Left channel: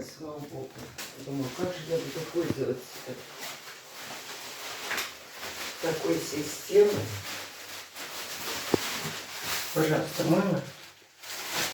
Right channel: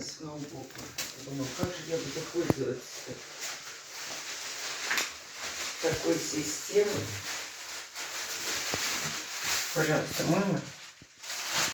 стороны, с одного боку. Думаю, как же я буду пользоваться такой системой. Пожалуйста, мама.